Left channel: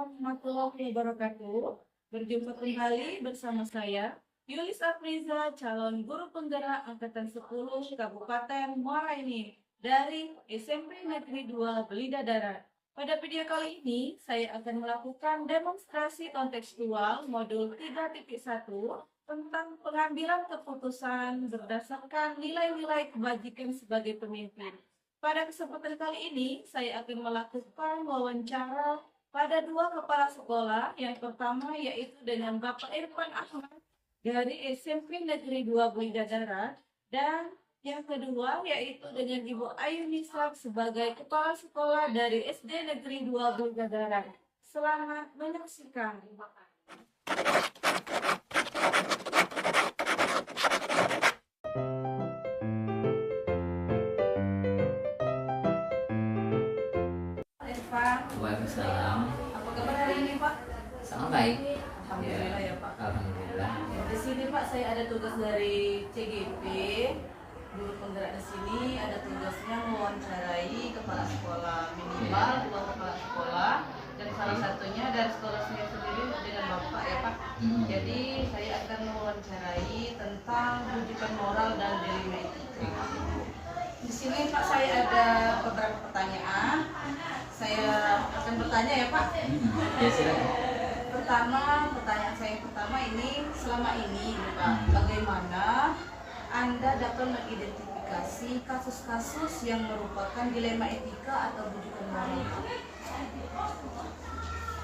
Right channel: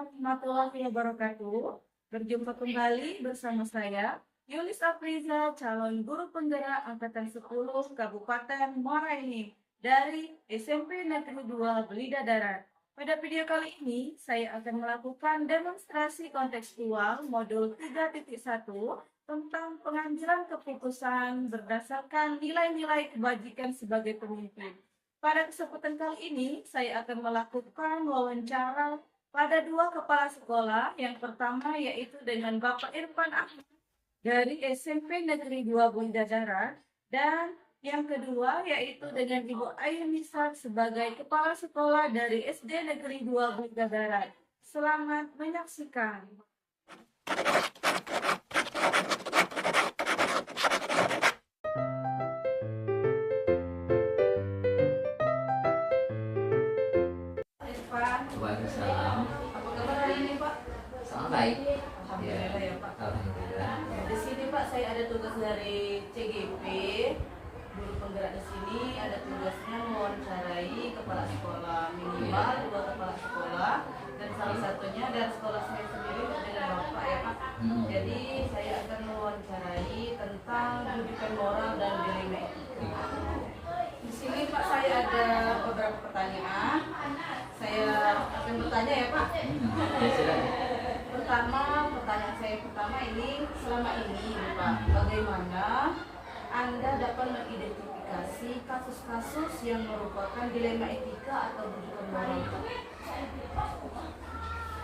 warahmatullahi wabarakatuh. Berjumpa kembali bersama saya, Yulis Afriza, calon guru penggerak Angkatan 10 Kabupaten Muara Enim dari SMP Negeri 2 Belida Darat. Pada video kali ini, saya akan melakukan demonstrasi kontekstual modul 3.1 tentang pengambilan keputusan berdasarkan nilai-nilai kebajikan sebagai pemimpin. Pada kesempatan kali ini, saya akan melakukan wawancara pada dua kepala sekolah. Yang pertama yaitu dengan Bapak Irfan Ahmad dari SMP Negeri 2 Belida Darat, dan yang kedua yaitu dengan Ibu Ayu Nisa sebagai kepala sekolah dari SD Negeri 2 Belida Darat. Selamat menyaksikan. Waalaikumsalam. Apa kabar hari ini, Pak? Sangat baik. Alhamdulillah ya, Pak. Alhamdulillah. Di sini, Pak, saya ada tugas dari CGP. Guru penggerak di sini ada tugasnya mewawancarai kepala sekolah, minimal dua kepala sekolah, dan salah satunya dari sekolah saya sendiri dengan Bapak ya, Pak. Jadi saya akan mewawancarai tentang rujukan moral dan dilema etika. Di sini, Pak, saya ada beberapa pertanyaan. Saya akan bertanya ya, Pak. Pertanyaan saya pertama ini, selama ini Pak, bagaimana Anda dapat mengidentifikasi kasus-kasus yang merupakan dilema etika atau rujukan moral?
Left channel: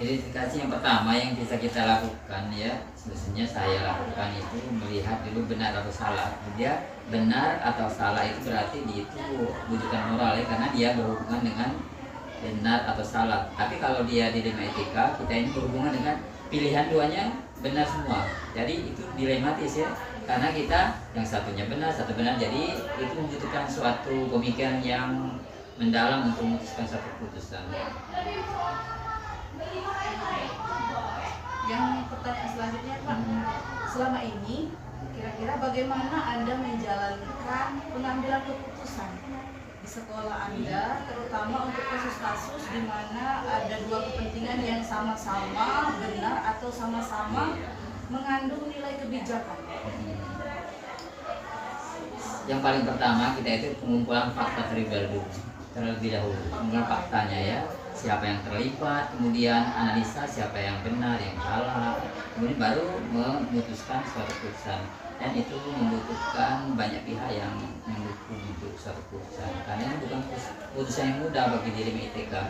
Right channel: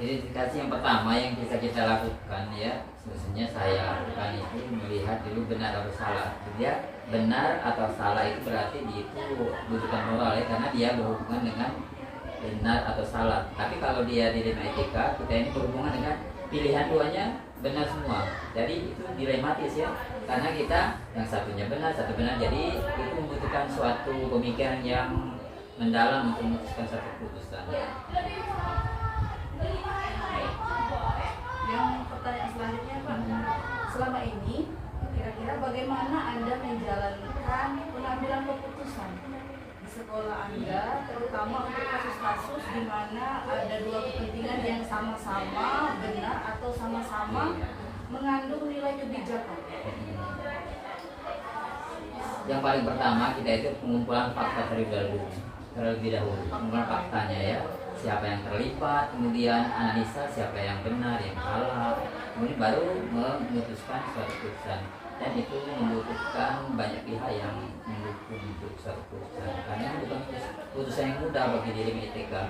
Identifikasi yang pertama yang bisa kita lakukan ya, sebenarnya saya lakukan itu melihat dulu benar atau salah. Dia benar atau salah itu berarti itu rujukan moral ya, karena dia berhubungan dengan benar atau salah. Tapi kalau dia dilema etika, kita ini berhubungan dengan pilihan duanya benar semua. Jadi itu dilematis ya, karena kita yang satunya benar, satu benar. Jadi itu membutuhkan suatu pemikiran yang mendalam untuk memutuskan satu keputusan. Yang pertanyaan selanjutnya, Pak, selama ini kira-kira bagaimana Anda menjalankan pengambilan keputusan di sekolah Anda, terutama untuk kasus-kasus di mana ada dua kepentingan yang sama-sama benar atau sama-sama mengandung nilai kebijakan? Yang paling pertama kita itu pengumpulan fakta terlebih dahulu, pengumpulan faktanya ya, siapa yang terlibat, kemudian analisa siapa yang benar, yang salah, kemudian baru memutuskan suatu keputusan. Dan itu membutuhkan banyak pihak yang mendukung untuk suatu keputusan, karena ini bukan keputusan yang mudah bagi dilema etika.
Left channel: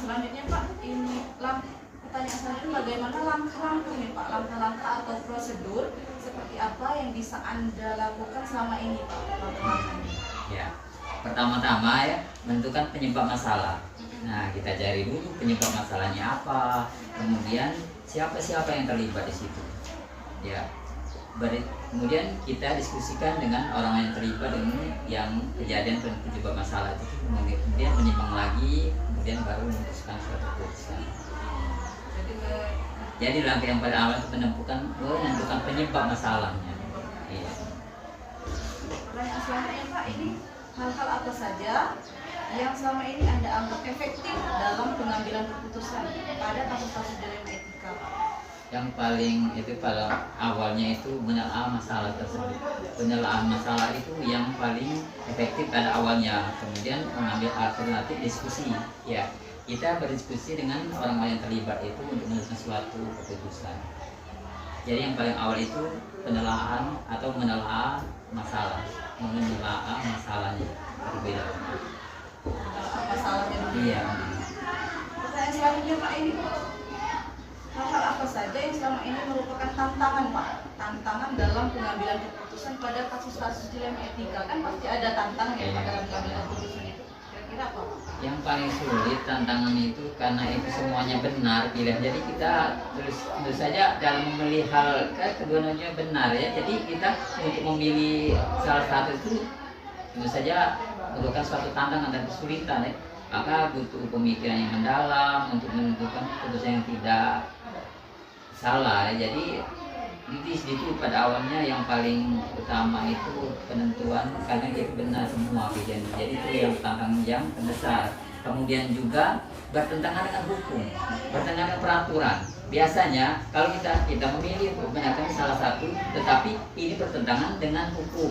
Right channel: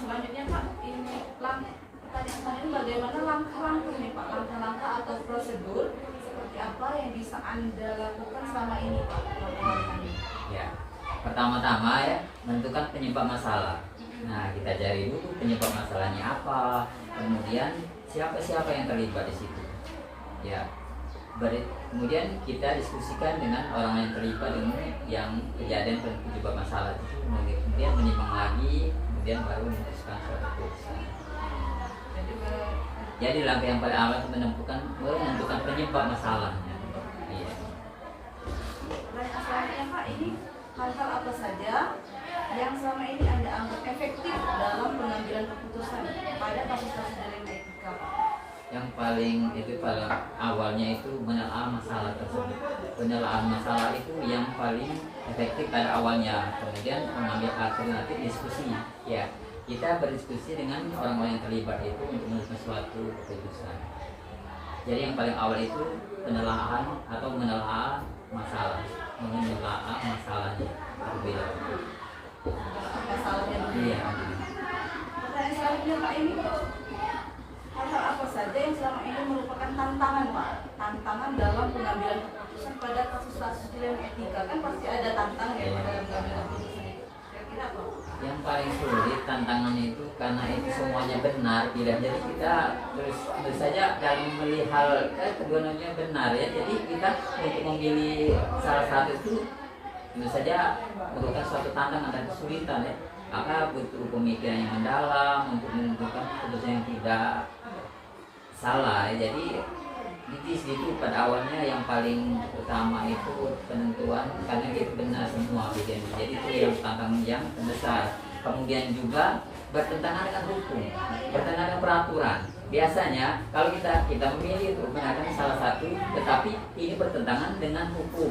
Selanjutnya, Pak, ini pertanyaan selanjutnya, bagaimana langkah-langkah nih, Pak, langkah-langkah atau prosedur seperti apa yang bisa Anda lakukan selama ini, Pak, langkah-langkahnya? Ya, pertama-tama ya, menentukan penyebab masalah. Nah, kita cari dulu penyebab masalahnya apa, kemudian siapa-siapa yang terlibat di situ. Ya, kemudian kita diskusikan dengan orang yang terlibat dengan yang kejadian penyebab masalah itu, kemudian menimbang lagi, kemudian baru memutuskan suatu keputusan. Jadi langkah yang paling awal menentukan penyebab masalahnya. Iya. Pertanyaan selanjutnya, Pak, ini hal-hal apa saja yang selama ini Anda anggap efektif dalam pengambilan keputusan pada kasus-kasus dilema etika, Pak? Yang paling itu pada awalnya itu menelaah masalah tersebut. Penelaah masalah itu yang paling efektif pada awalnya, kemudian mengambil alternatif diskusi. Ya, kita berdiskusi dengan orang-orang yang terlibat itu untuk memutuskan suatu keputusan. Jadi yang paling awal itu penelaahan atau menelaah masalah, menelaah masalahnya terlebih dahulu. Masalahnya dulu. Iya. Pertanyaan selanjutnya, Pak, ini hal-hal apa saja yang selama ini merupakan tantangan, Pak? Tantangan dalam pengambilan keputusan pada kasus-kasus dilema etika, kan pasti ada tantangan ya, Pak, dalam pengambilan keputusan itu. Kira-kira apa, Pak? Yang paling sulit tantangan itu karena itu semuanya benar pilihan. Jadi kita terus saja dalam memilih hal keduanya benar ya. Jadi kita untuk memilih salah satu itu tentu saja merupakan suatu tantangan dan kesulitan ya. Maka butuh pemikiran yang mendalam untuk menentukan keputusan yang tidak salah. Jadi di situ pada awalnya yang paling utama itu penentuan, karena itu benar semua pilihan. Jadi itu yang tantangan yang terbesar. kemudian juga bertentangan dengan hukum, bertentangan dengan peraturan. Biasanya kalau kita memilih untuk membenarkan salah satu, tetapi ini bertentangan dengan hukum.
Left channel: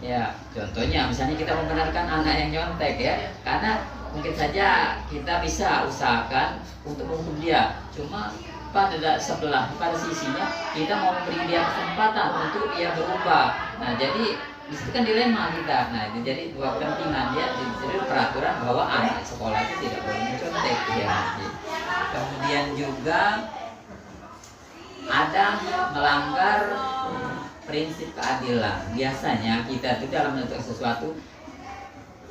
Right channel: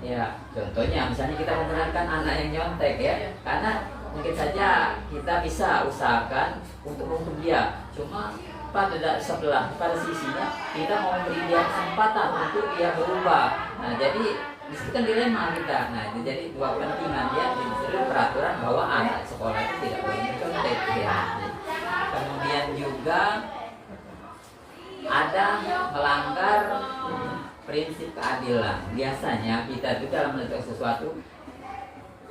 Ya, contohnya misalnya kita membenarkan anak yang nyontek ya, karena mungkin saja kita bisa usahakan untuk menghukum dia. Cuma pada sisinya kita mau memberi dia kesempatan untuk dia berubah. Nah, jadi itu kan dilema kita. Nah, itu jadi dua kepentingan ya. Jadi peraturan bahwa anak sekolah itu tidak boleh mencontek ya. Kemudian juga ada melanggar prinsip keadilan. Biasanya kita itu dalam menentukan sesuatu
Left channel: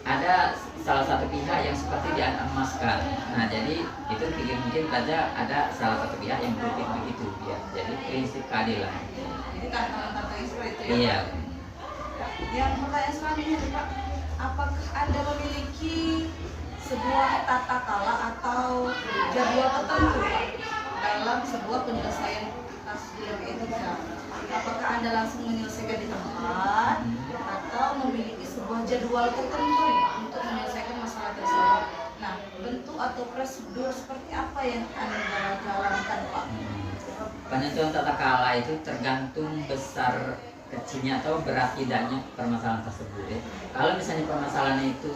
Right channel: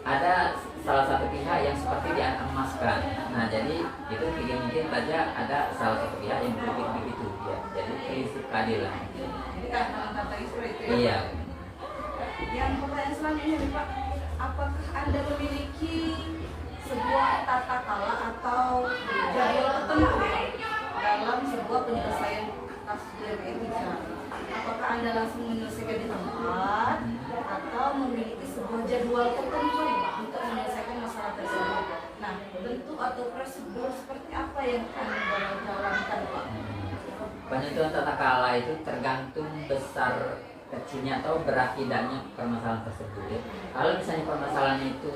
ada salah satu pihak yang seperti dianemaskan. Nah, jadi itu mungkin saja ada salah satu pihak yang berpikir begitu ya. Jadi prinsip keadilan. Jadi tantangan Israel itu ya. Iya. Yang pertanyaan selanjutnya Pak, apakah Anda memiliki sebuah tata kala atau jadwal tertentu dalam sebuah penyelesaian kasus dilema etika? Apakah Anda langsung menyelesaikan di tempat atau memiliki sebuah jadwal tertentu untuk menyelesaikan masalah tersebut? Nah, bentuk atau prosedur seperti apa yang Anda jalankan, Pak? Penentuan tata kala itu tergantung besar kecilnya atau berat tidaknya permasalahan tersebut ya. Kalau misalnya permasalahan itu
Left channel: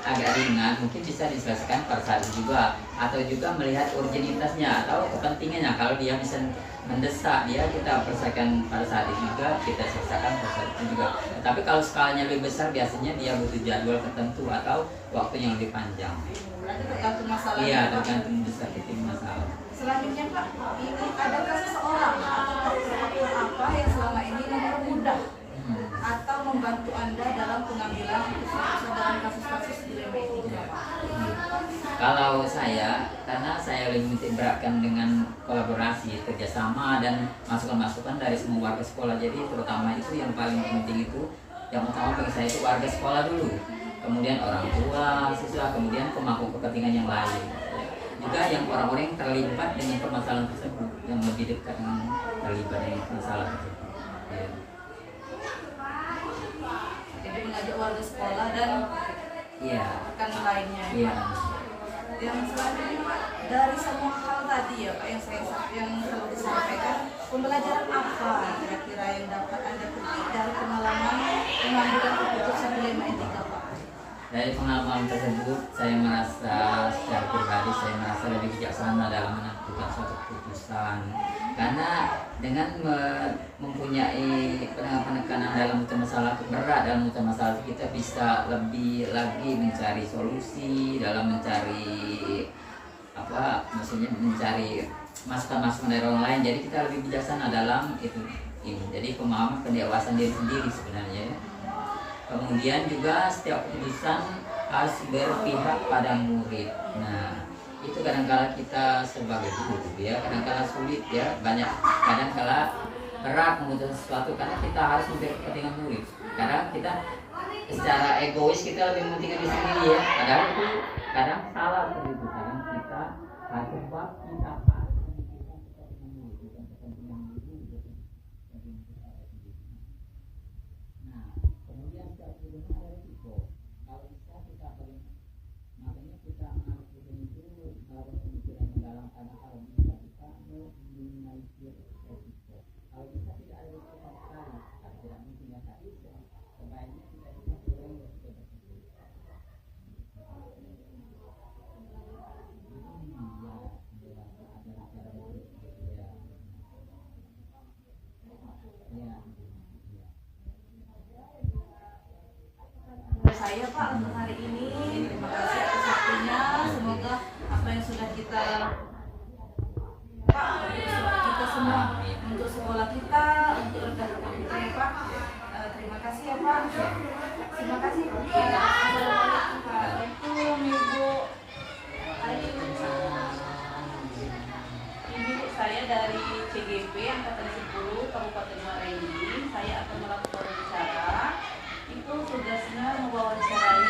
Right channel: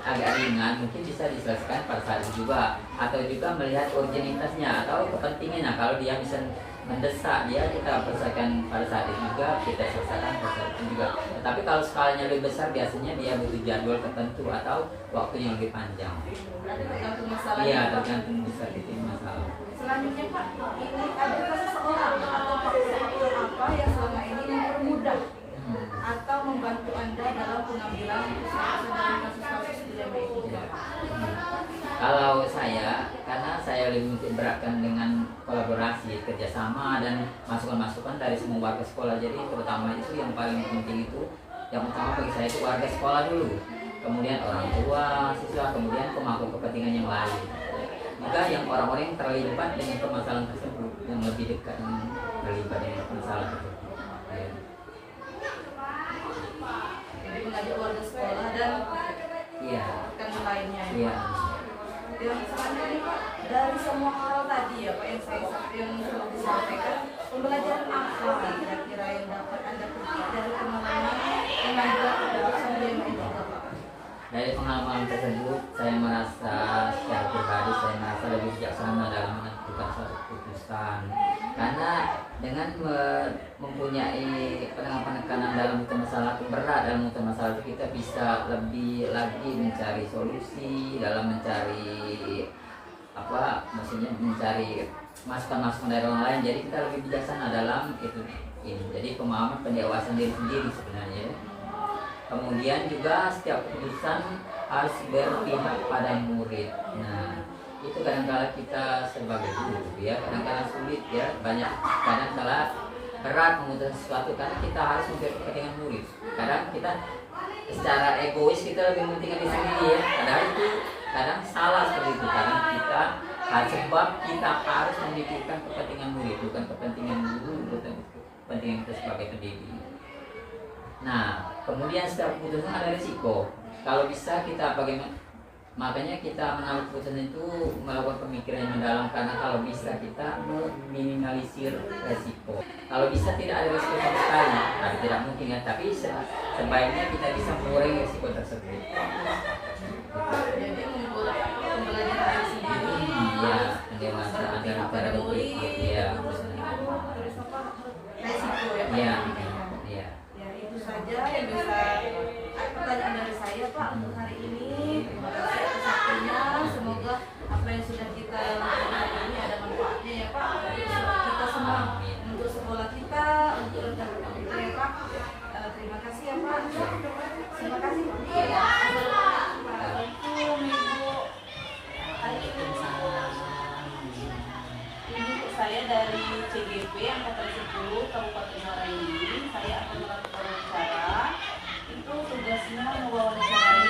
agak ringan, mungkin bisa diselesaikan pada saat itu juga, atau juga melihat urgenitasnya atau kepentingannya. Kalau dia bisa mendesak, dia kita selesaikan pada saat itu juga, kita selesaikan pada saat itu juga. Tapi kalau skalanya lebih besar, biasanya dia butuh jadwal tertentu atau waktu yang lebih panjang. Berarti tergantung masalahnya. Iya, Pak. tergantung besar kecil masalah. Selanjutnya Pak, ini adakah seseorang atau faktor apa yang selama ini mempermudah atau membantu Anda dalam pengambilan keputusan dalam kasus-kasus dilema etika? Kalau saya, karena saya lebih beratkan dengan kolaborasi, kerjasama dan masukan-masukan dari semua warga sekolah. Jadi terutama itu yang paling penting itu, yang utama bagi saya itu warga sekolah dulu, kemudian orang tua, siswa, kemudian pemangku kepentingan yang lain. Juga yang orang-orang yang terlibat dengan permasalahan tersebut, yang lebih dekat dengan terlibat dengan masalah tersebut. Ya. Jadi mengajak warga sekolah dan Iya. rekan lainnya. Iya. Yang selanjutnya Pak, dari semua hal tadi ya Pak yang telah disampaikan, pembelajaran apa kira-kira yang dapat Anda petik dari pengalaman pengambilan keputusan dilema etika Pak? Dari pengalaman tersebut, saya merasa secara pribadi saya merasa lebih bijaksana dalam menentukan suatu keputusan. Karena dengan mempunyai penekanan dalam masalah berat dalam masalah itu, kita bisa lebih lagi mencari solusi dalam mencari maksudnya mencari masukan-masukan dari orang lain. Jadi kita lebih bijaksana dalam itu ini. Jadi pemahaman pendewasaan diri sendiri sebenarnya. Kemudian juga setiap keputusan harus berpihak pada murid. Nah, itu kadang-kala kita sebagai guru ya, kadang-kala sulit ya, kadang-kala berat memutuskan sesuatu karena kita harus memberi kepentingan murid. Kadang kita secara egois kita lebih mementingkan diri sendiri ya. Padahal itu kadang salah seperti itu. Kadang kita sebab kita harus memikirkan kepentingan murid, bukan kepentingan guru, bukan kepentingan kita sebagai pendidik. Nah, kemudian setiap keputusan ada risiko. Kalau bisa kita bagaimana? Makanya kita mengambil keputusan itu melakukan pemikiran yang mendalam, karena kalau bisa kita meminimalisir resiko. Kalau bisa tidak ada risiko sama sekali, tapi tidak mungkin ya. Tapi sebaiknya kita bisa mengurangi risiko tersebut. Jadi membuat pembelajaran sendiri. Iya, pendewasaan dalam cara berpikir. Iya, Resiko ya Pak. iya. Saja yang bisa pertanyaan dari saya Pak untuk hari ini. Terima kasih atas waktunya. Semoga apa yang sudah kita lakukan ini ada manfaatnya ya Pak untuk kita semua, untuk sekolah kita, untuk rekan-rekan kita ya Pak. Terima kasih ya Pak. Terima kasih. Assalamualaikum Ibu. Ibu, saya dari CGP Angkatan 10 Kabupaten Muara Enim. Saya akan melakukan wawancara. Itu tugasnya mewawancarai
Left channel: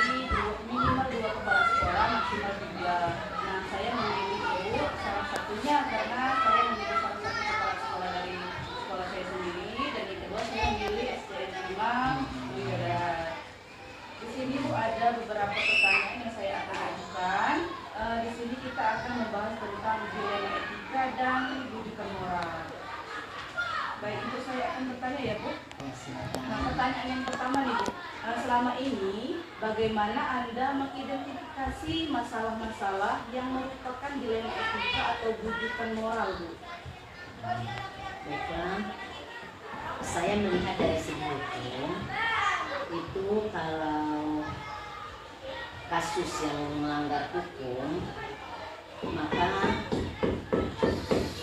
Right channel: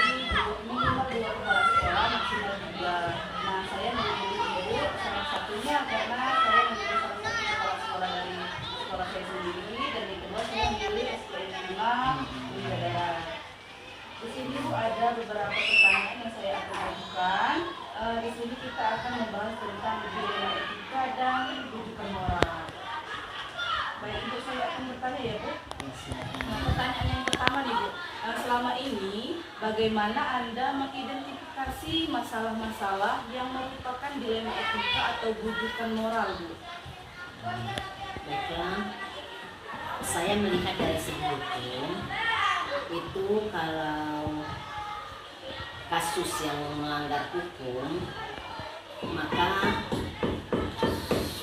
minimal 2 kepala sekolah, maksimal 3. Nah, saya memilih Ibu salah satunya karena saya menjadi salah satu kepala sekolah dari sekolah saya sendiri, dan yang kedua saya memilih SDN 5 Mulia Darat. Di sini Bu ada beberapa pertanyaan yang saya pertanyaan yang pertama nih Bu. Selama ini bagaimana Anda mengidentifikasi masalah-masalah yang merupakan dilema etika atau bujukan moral Bu? Baiklah, saya melihat dari segi hukum itu kalau kasus yang melanggar hukum maka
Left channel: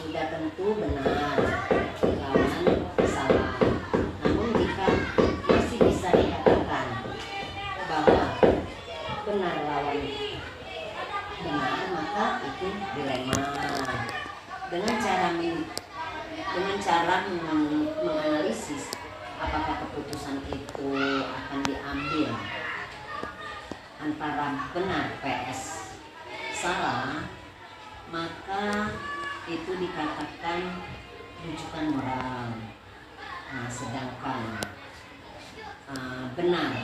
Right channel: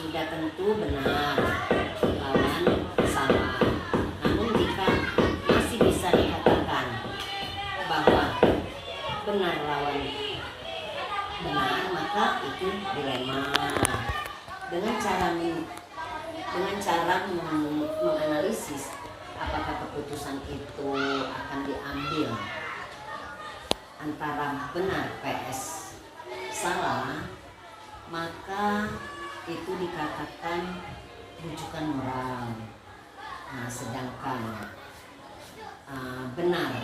sudah tentu benar lawan salah. Namun jika masih bisa dikatakan bahwa benar lawan benar maka itu dilema. Dengan cara menganalisis apakah keputusan itu akan diambil antara benar PS salah, maka itu dikatakan rujukan moral. Nah, sedangkan benar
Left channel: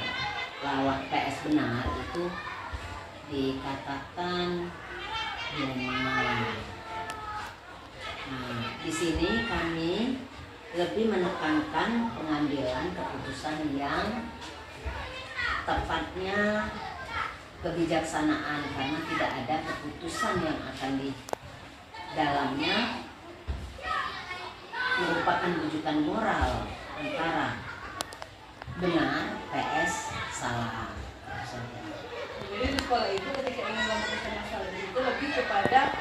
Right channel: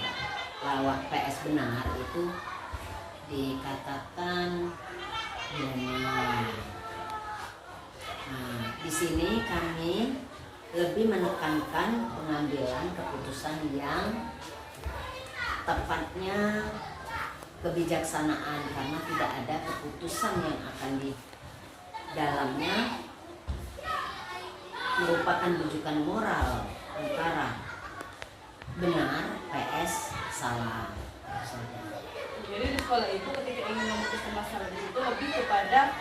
lawan PS benar itu dikatakan dilema. Nah, di sini kami lebih menekankan pengambilan keputusan yang tepatnya kebijaksanaan, karena tidak ada keputusan yang akan di dalamnya merupakan rujukan moral antara benar PS salah. Jadi di sekolah itu ketika ingin memutuskan masalah itu lebih kepada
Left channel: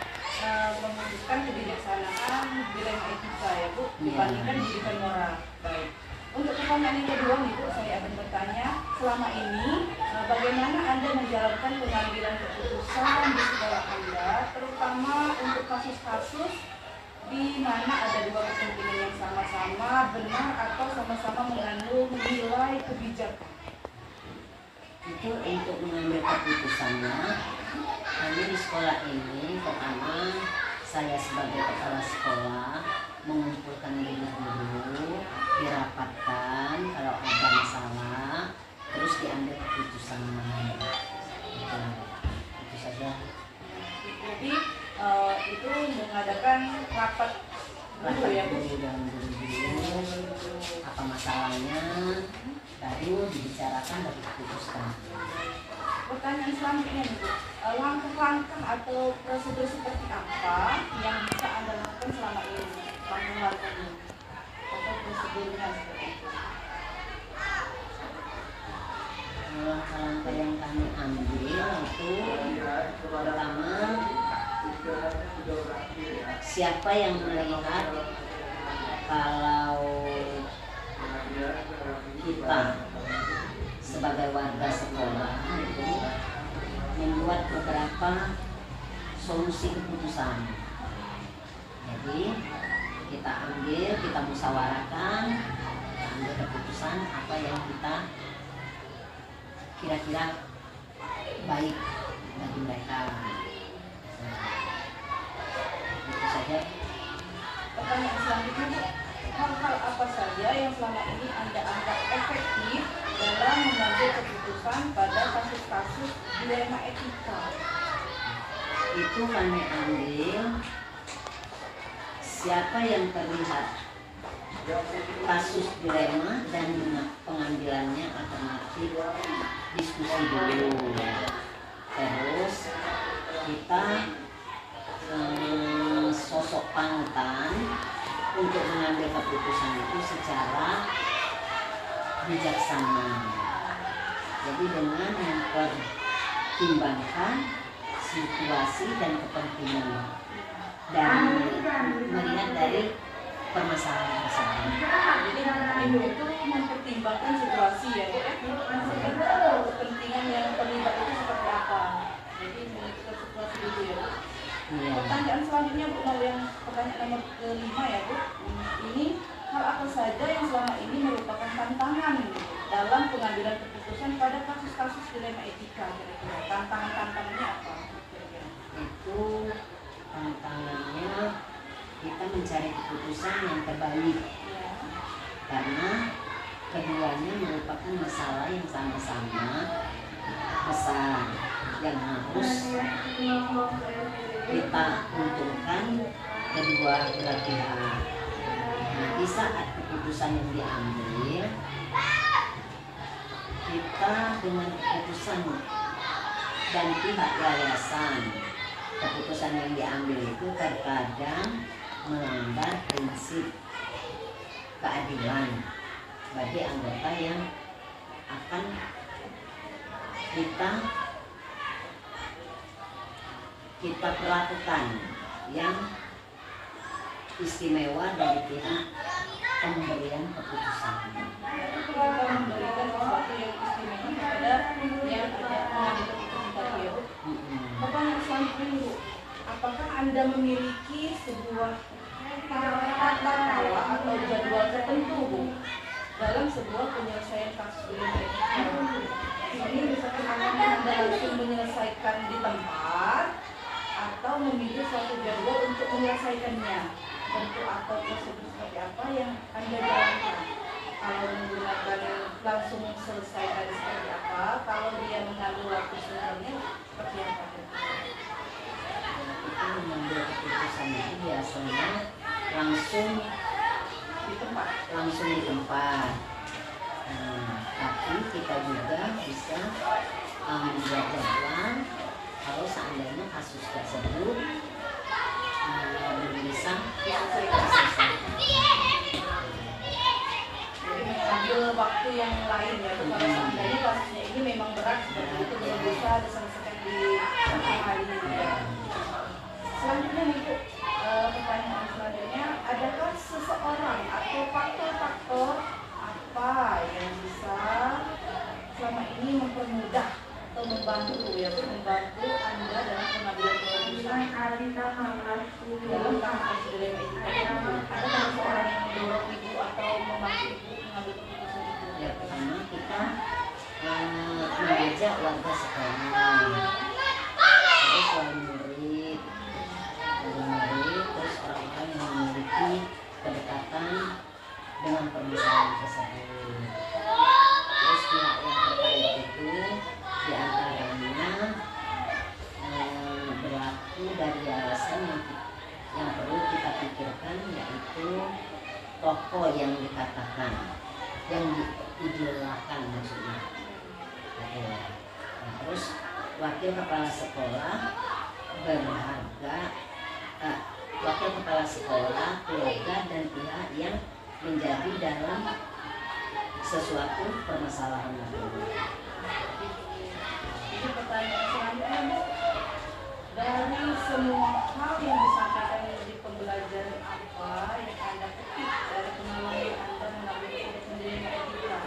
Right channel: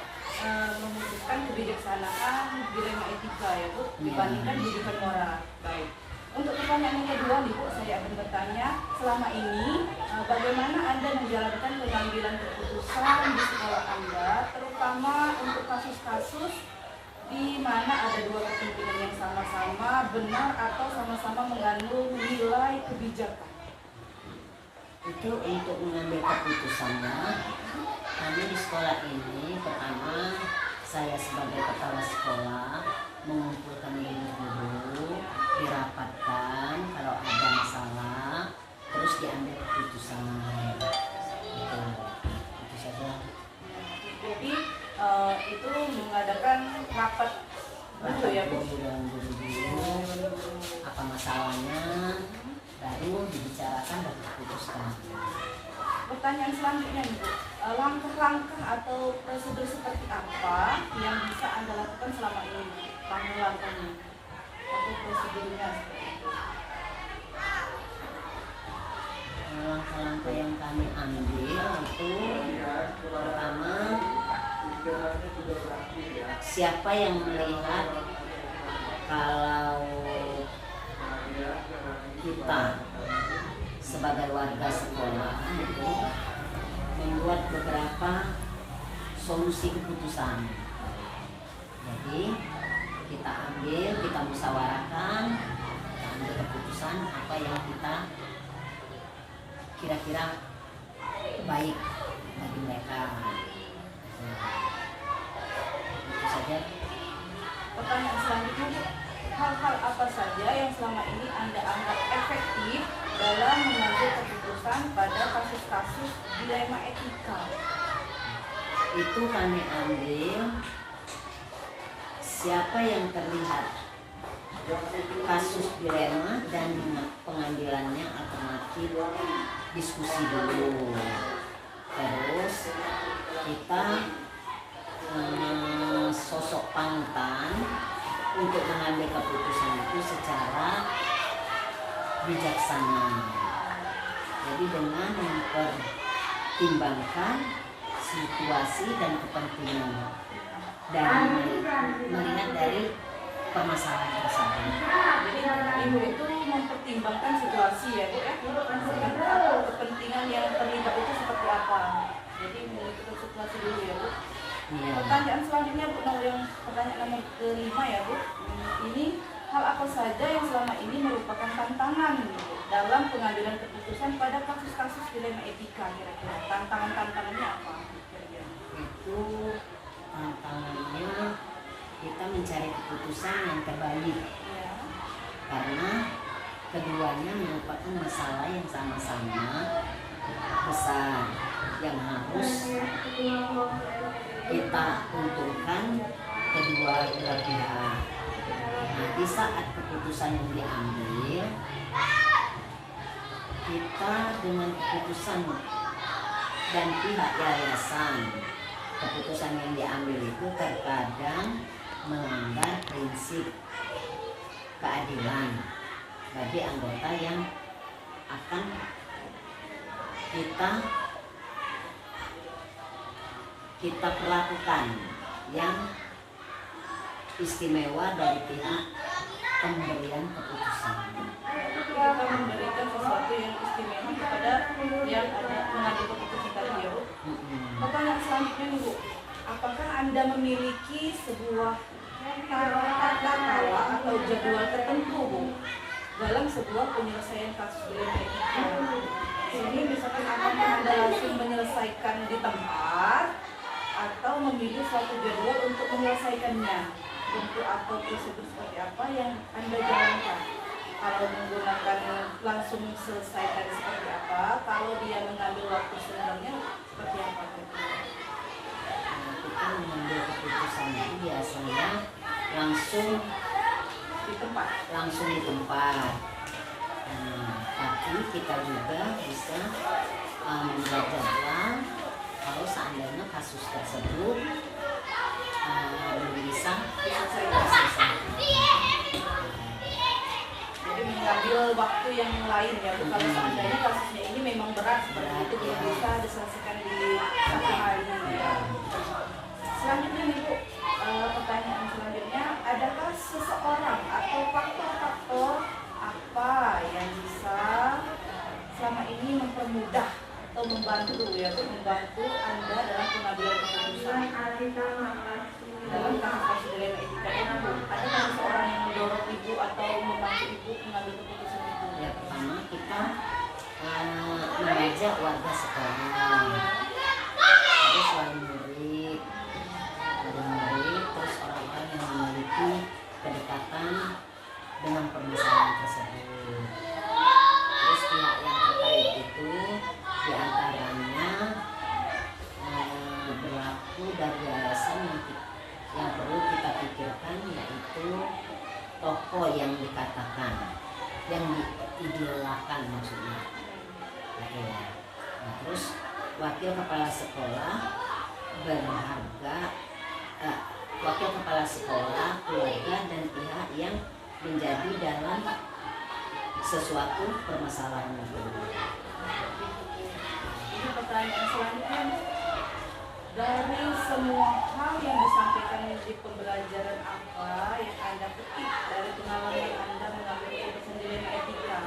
memutuskan kebijaksanaan dilema etika ya Bu, dibandingkan rujukan moral. Baik. Untuk pertanyaan yang kedua nih Bu, saya akan bertanya, selama ini bagaimana Anda menjalankan pengambilan keputusan di sekolah Anda, terutama untuk kasus-kasus di mana ada dua kepentingan yang sama-sama benar atau sama-sama mengandung nilai kebijakan? Itu untuk mengambil keputusannya, kami di sekolah ini pertama saya sebagai kepala sekolah mengumpulkan guru-guru, dirapatkan kalau ada masalah, terus diambil keputusan. Itu saja. Jadi itu mengadakan rapat dulu ya Bu? Dan guru-guru apa masalahnya, baru dibicarakan dan diputuskan. Pertanyaan selanjutnya nih Bu, langkah-langkah atau prosedur seperti apa yang bisa Anda lakukan selama ini? Langkah-langkahnya atau prosedurnya seperti itu? Langkah-langkah yang kami ambil itu pertama, siapa yang melihat kalau kita sebagai warga sekolah itu membuat beberapa solusi keputusan. Jadi kita musyawarahkan, kita ambil keputusan apa yang kita kira-kira baik bagi mereka. Itu saja. Pertanyaan selanjutnya Bu, hal-hal apa saja yang selama ini Anda anggap efektif dalam mengambil keputusan pada kasus-kasus dilema etika? Itu kami ambil siapa yang terlihat kasus dilema dan pengambilannya alternatif, diskusi dulu. Terus kita sosok panutan untuk mengambil keputusan itu secara bijaksana. Jadi dengan mempertimbangkan situasi dan kepentingan dan melihat dari permasalahan tersebut. Jadi Ibu itu mempertimbangkan situasi ya Bu ya, atau kepentingan yang terlibat itu seperti apa. Jadi menentukan situasi dulu ya Bu. Ya. Pertanyaan selanjutnya Bu, yang pertanyaan nomor kelima ya Bu. Ini hal apa saja yang selama ini merupakan tantangan gitu, dalam pengambilan keputusan pada kasus-kasus dilema etika kira-kira? Tantangannya apa kira-kira? Itu tantangannya kita mencari keputusan yang terbaik, Ya. karena keduanya merupakan masalah yang sama-sama besar yang harus kita untungkan kedua belah pihak. Nah, di saat keputusan yang diambil kita dengan keputusan dan pihak yayasan, keputusan yang diambil itu terkadang melanggar prinsip keadilan bagi anggota yang akan kita perlakukan yang istimewa dari pihak pemberian keputusan. Kita memberikan sesuatu yang istimewa kepada yang ada mengambil keputusan tadi ya Bu. Pertanyaan selanjutnya Bu, apakah Anda memiliki sebuah tata cara atau jadwal tertentu Bu dalam sebuah penyelesaian kasus dilema etika? Ini misalkan apakah Anda langsung menyelesaikan di tempat atau memilih suatu jadwal untuk menyelesaikannya? Bentuk atau prosedur seperti apa yang Anda jalankan? Kalau menggunakan langsung selesaikan seperti apa? Kalau dia mengambil waktu sebenarnya seperti apa? Kita mengambil keputusan itu biasanya langsung di tempat. Tapi kita juga bisa membuat jadwal kalau seandainya kasus tersebut belum bisa diselesaikan. Jadi mengambil waktu yang lain ya Bu, kalau seandainya kasusnya ini memang berat seperti itu belum bisa diselesaikan di satu hari ya. Selanjutnya nih Bu, pertanyaan selanjutnya, adakah seseorang atau faktor-faktor apa yang bisa selama ini mempermudah atau membantu ya Bu, membantu Anda dalam pengambilan keputusan dalam kasus dilema etika ini Bu? Adakah seseorang yang mendorong Ibu atau membantu Ibu mengambil keputusan itu? Ya, pertama kita mengajak warga sekolah, terus wali murid, terus orang-orang yang memiliki kedekatan dengan permasalahan tersebut. Terus pihak yang terkait itu diantaranya berlaku dari yayasan yang perlu kita pikirkan, yaitu tokoh yang dikatakan, yang diidolakan maksudnya. Nah, terus wakil kepala sekolah berharga, wakil kepala sekolah, keluarga dan pihak yang menjadi dalam sesuatu permasalahan itu. Ini pertanyaan selanjutnya Bu, dari semua hal yang disampaikan di pembelajaran apa yang Anda petik dari pengalaman Anda mengambil keputusan dilema etika?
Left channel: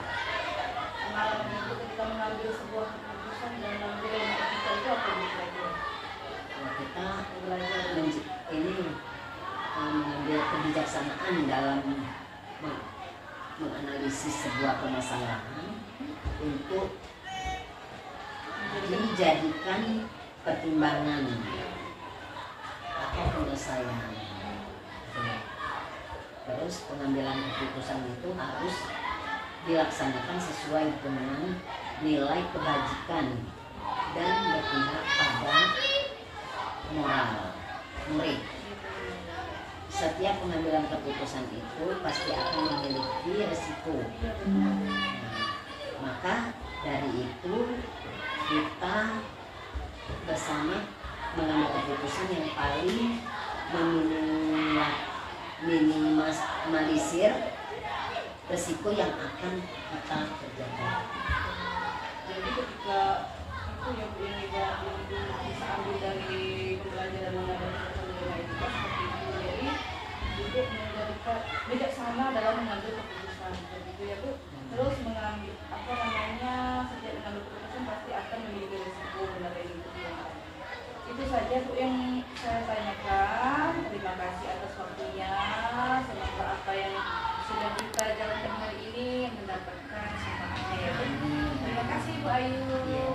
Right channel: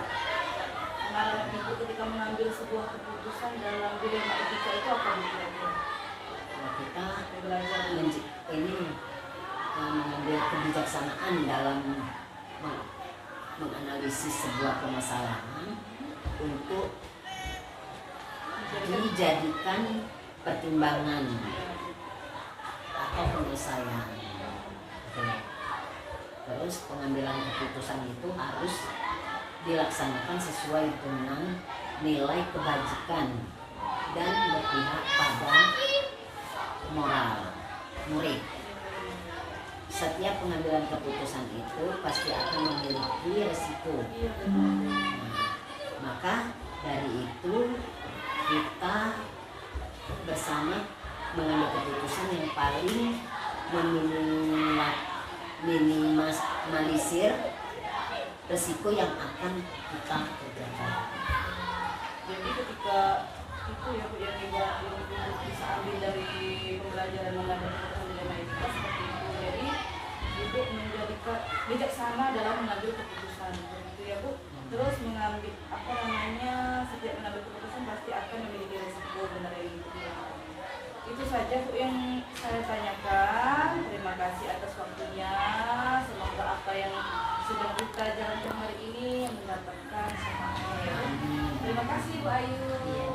Pengalaman Ibu ketika mengambil sebuah keputusan dalam dilema etika itu apa Bu kira-kira? Ya, kita belajar ini mengambil kebijaksanaan dalam menganalisis sebuah permasalahan untuk dijadikan pertimbangan atau penyelesaian. Terus pengambilan keputusan itu harus dilaksanakan sesuai dengan nilai kebajikan dan berpihak pada moral murid. Setiap pengambilan keputusan itu pasti akan memiliki resiko. Maka dari itu kita bersama mengambil keputusan yang paling minimalisir resiko yang akan kita kerjakan. Jadi ketika itu ya Bu yang bisa ambil dari pembelajaran mengambil keputusan dilema etika seperti itu. Jadi Ibu menjadikan bijaksana dalam mengambil keputusan seperti itu ya Bu. Terus mengambil setiap mengambil keputusan pasti akan memiliki resiko, benar ini. Itu saja Bu yang saya tanyakan. Terima kasih atas waktunya. Semoga apa yang sudah kita jalankan hari ini mendapatkan semangatnya ya Bu. Terima kasih Bu Ayu.